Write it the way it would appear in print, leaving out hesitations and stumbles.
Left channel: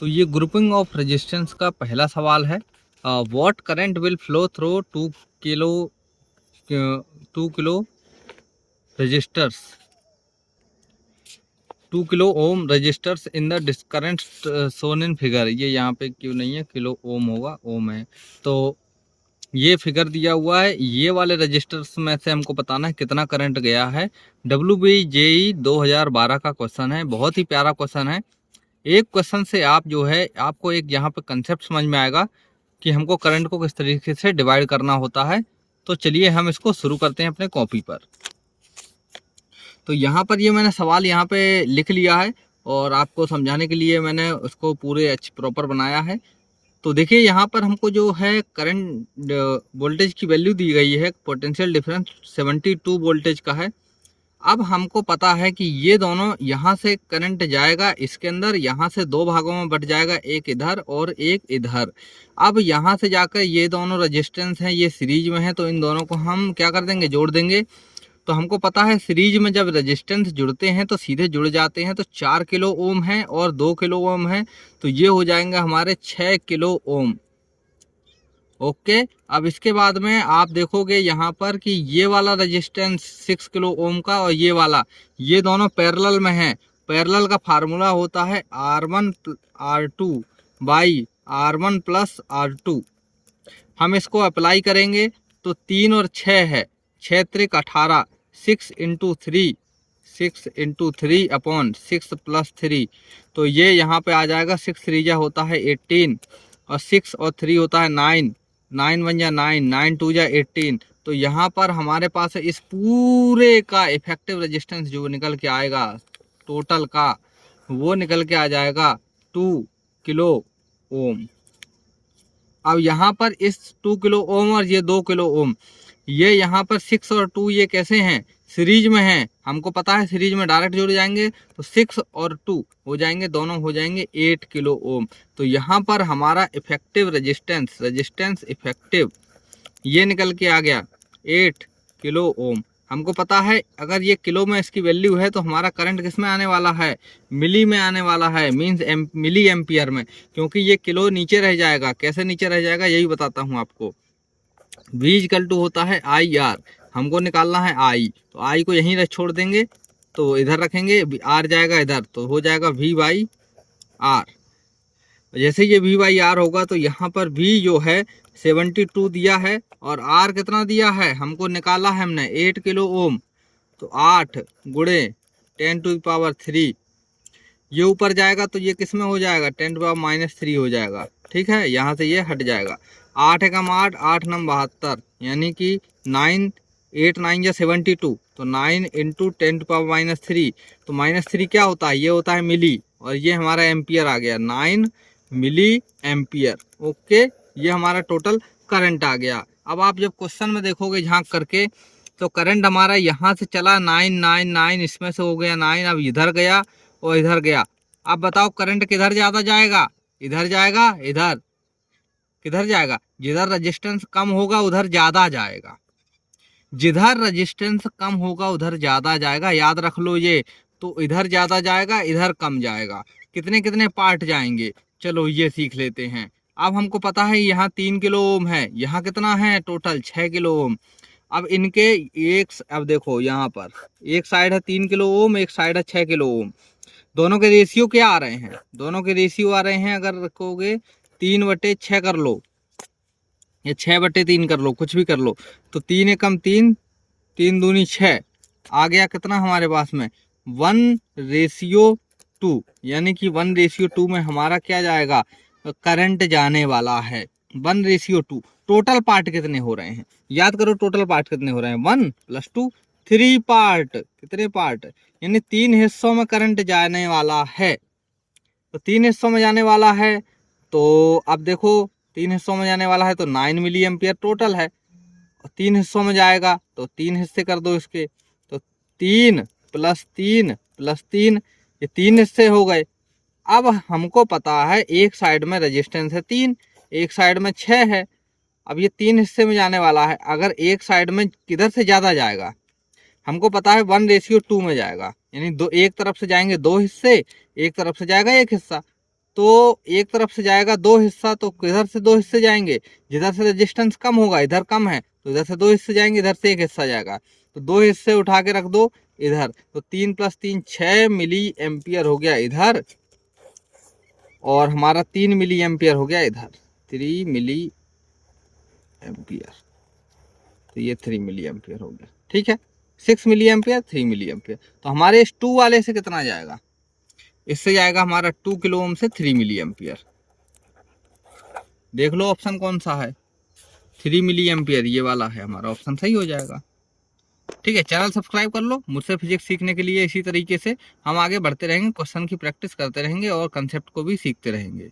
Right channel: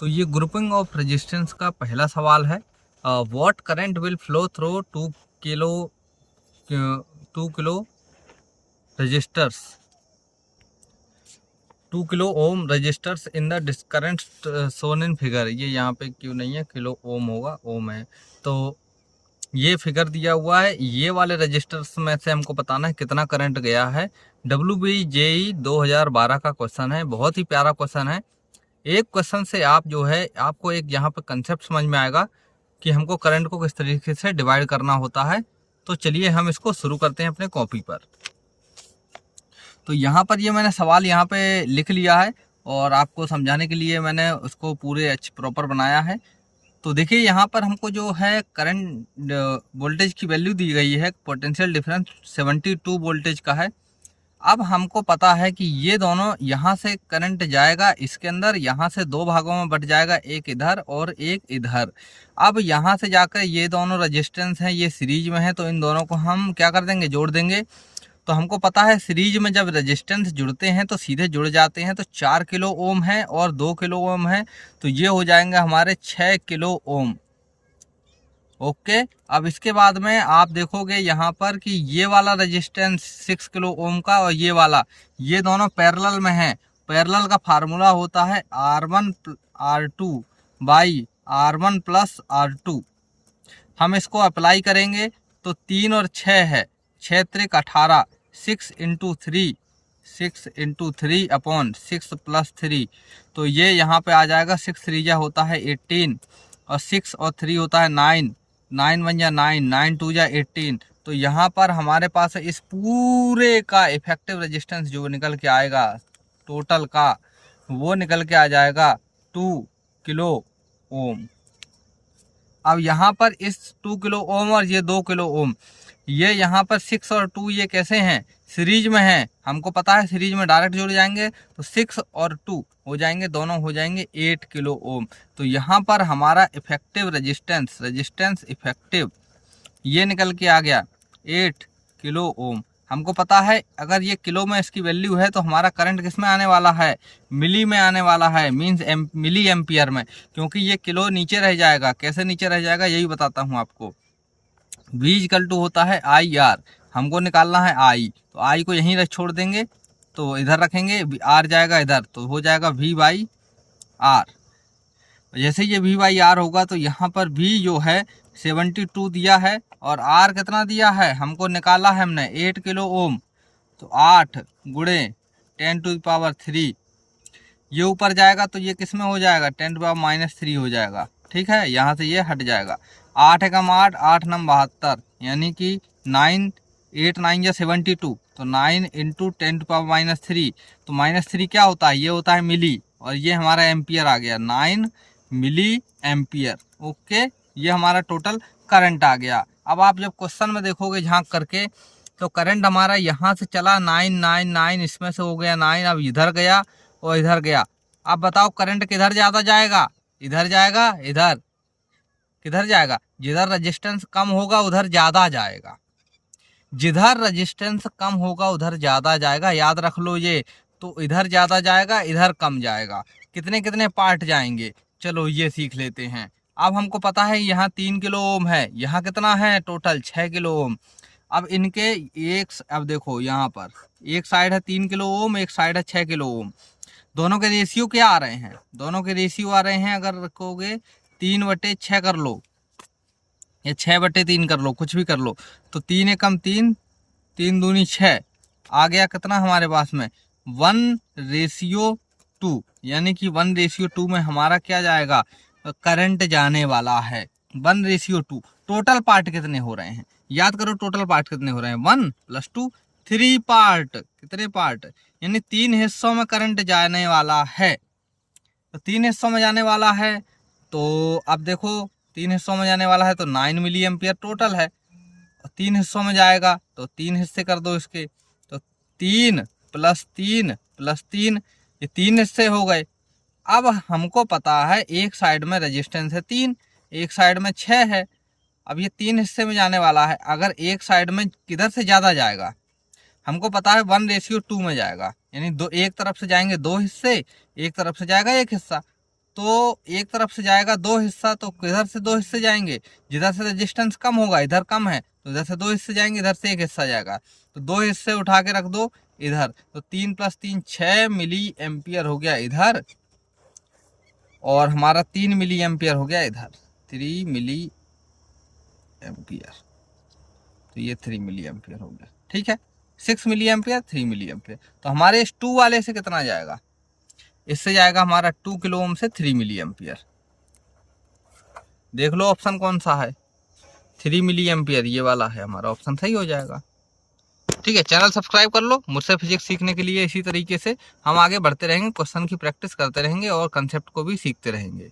तो ये grouping of resistance का पहला सवाल है। What current will flow through 2 kilo registers 2 kilo ohm registers in the current shown in figure. ये यहाँ पे क्यों नहीं है, किलो ओम होगा, ओम है। तो ये फिगर दिया हुआ है, ये वाले रजिस्टर्स में से हमको बताना है कितना करंट गया है। WBJE 2012 का क्वेश्चन है, बहुत ही प्यारा क्वेश्चन है। एक क्वेश्चन से आप जो है आपको एक यहाँ पे कंसेप्ट समझ में आएगा कि हमको करंट को किस तरीके से डिवाइड करना होता है। तो चलिए हम इसको शुरू करते हैं अपने कॉपी पर। तो यहाँ पर ये मैंने सवाल यहाँ पे लिख लिया है और आपको समझाने के लिए मैंने उसको पूरे प्रॉपर बनाया है। तो देखिए यहाँ पर हमको जो है करंट वोल्टेज की वैल्यू दी गई है, पोटेंशियल डिफरेंस 72 वोल्टेज का है। अब हमको पता है कि ये दोनों यहाँ से करंट जाएगा इसके अंदर, यहाँ से दो भागों में बट जाएगा, एक इधर और एक इधर। अब यहाँ से जाकर ये दोनों रेजिस्टेंस हैं, ये सीरीज में है, तो इन दोनों को हम क्या कर देंगे, जोड़ देंगे। तो हमको पता है सीरीज में जब रेजिस्टेंस जुड़ते हैं तो सीधे जुड़ जाते हैं। तो 4 किलो ओम है और 2 किलो ओम है, तो ये हो जाएंगे हमारे 6 किलो ओम। ओके, अब इसके बाद में आप देखोगे यहाँ पर कि ये वाला रेजिस्टेंस 6 किलो ओम का और ये वाला, ये दोनों पैरेलल में हैं। पैरेलल का फार्मूला होता है R1 R2 by R1 plus R2। हम इसको अप्लाई करेंगे तो 3 और 6 है, 6 त्रिक 18, 6 इंटू थ्री अपॉन 6 प्लस 3। तो ये यहाँ पे आ जाएगा, 6 3 होता है 18 और 6 और 3 होता है 9, 9 1 जा 9, 9 2 जा 18। तो यहाँ पर हमारे पास इस पूरे का इफेक्टिव रेजिस्टेंस जो निकल के आएगा टोटल का, वो निकल के आ जाएगा 2 किलो ओम। अब यहाँ पर इस 2 किलो ओम और ये 2 किलो ओम, ये यहाँ पर 6 और 2 ये कैसे हैं, सीरीज में हैं। हमको पता है सीरीज में डायरेक्ट जुड़ जाएंगे, तो 6 और 2 हो जाएंगे, दोनों हो जाएंगे 8 किलो ओम। तो यहाँ पर हमारा इफेक्टिव रेजिस्टेंस इफेक्टिव ये निकल के आ गया 8 किलो ओम। हमको पता है अगर ये किलो में इसकी वैल्यू है तो हमारा करंट किस में आने वाला है, मिली में आने वाला है, मींस मिली एम्पियर में, क्योंकि ये किलो नीचे रह जाएगा। कैसे नीचे रह जाएगा यही बताता हूँ आपको। V इक्वल टू होता है IR, हमको निकालना है I, तो I को यहीं छोड़ देंगे, तो इधर रखेंगे, R जाएगा इधर, तो हो जाएगा V बाई R। जैसे ये V बाई R होगा तो यहाँ पर V जो है 72 दिया है और R कितना दिया है, हमको निकाला है हमने 8 किलो ओम। तो 8 गुणे 10 टू द पावर 3, ये ऊपर जाएगा तो ये किस में हो जाएगा, 10 टू पावर -3 हो जाएगा। ठीक है, यहाँ से ये हट जाएगा। 8 एकम 8, 8 नम 72, यानी कि 9 8 9 या 72, तो 9 इंटू 10 टू पावर -3। तो -3 क्या होता है, ये होता है मिली, और ये हमारा एम्पियर आ गया, 9 मिली एम्पियर। ओके, ये हमारा टोटल करंट आ गया। अब आप जब क्वेश्चन में देखोगे झांक करके, तो करंट हमारा यहाँ से चला 9 9 9, इसमें से हो गया 9, अब इधर गया और इधर गया। अब बताओ करंट किधर ज़्यादा जाएगा, इधर जाएगा, इधर किधर जाएगा, जिधर रेजिस्टेंस कम होगा उधर ज़्यादा जाएगा, जिधर रेजिस्टेंस कम होगा उधर ज़्यादा जाएगा। याद रख लो ये, तो इधर ज़्यादा जाएगा, इधर कम जाएगा। कितने कितने पार्ट जाएंगे, चलो ये सीख लेते हैं। अब हमको पता है यहाँ 3 किलो ओम है, यहाँ कितना है टोटल 6 किलो ओम। अब इनके अब देखो यहाँ पर एक साइड है 3 किलो ओम, एक साइड है 6 किलो ओम। दोनों के रेशियो क्या आ रहे हैं, दोनों के रेशियो आ रहे हैं, अगर रखोगे 3/6 कर लो या 6/3 कर लो, कुछ भी कर लो। तो 3 एकम 3, 3 दूनी 6, आ गया कितना हमारे पास में 1:2, यानी कि 1:2 में हमारा क्या जाएगा, करंट जाने वाला है 1:2। टोटल पार्ट कितने हो रहे हैं, याद करो टोटल पार्ट कितने हो रहे हैं, 1 + 2 3 पार्ट। कितने पार्ट, यानी 3 हिस्सों में करंट जाने वाला है। तो 3 हिस्सों में जाने वाला है, तो अब देखो 3 हिस्सों में जाने वाला है तो 9 मिली एम्पियर टोटल है। और 3 हिस्सों में जाएगा तो 3 हिस्से कर दो इसके, तो 3 + 3 + 3, ये 3 हिस्से हो गए। अब हमको पता है एक साइड में रेजिस्टेंस है 3, एक साइड में 6 है। अब ये 3 हिस्से में जाने वाला है, अगर एक साइड में किधर से ज़्यादा जाएगा, हमको पता है 1:2 में जाएगा, यानी एक तरफ से जाएंगे 2 हिस्से, एक तरफ से जाएगा 1 हिस्सा। तो एक तरफ से जाएगा 2 हिस्सा, तो इधर से 2 हिस्से जाएंगे, जिधर से रेजिस्टेंस कम होगा इधर कम है तो इधर से 2 हिस्से जाएंगे, इधर से 1 हिस्सा जाएगा, तो 2 हिस्से उठा के रख दो इधर, तो 3 + 3 6 मिली एम्पियर हो गया इधर, और हमारा 3 मिली एम्पियर हो गया इधर, 3 मिली एम्पियर, तो ये 3 मिली एम्पियर हो गया। ठीक है, 6 मिली एम्पियर 3 मिली एम्पियर। तो हमारे इस 2 वाले से कितना जाएगा, इससे जाएगा हमारा 2 किलो ओम से 3 मिली एम्पियर। देख लो ऑप्शन कौन सा है, 3 मिली एम्पियर ये वाला है हमारा ऑप्शन, सही हो जाएगा। ठीक है, चैनल सब्सक्राइब कर लो मुझसे फिजिक्स सीखने के लिए। इसी तरीके से हम आगे बढ़ते रहेंगे, क्वेश्चन की प्रैक्टिस करते रहेंगे और कंसेप्ट को भी सीखते रहेंगे।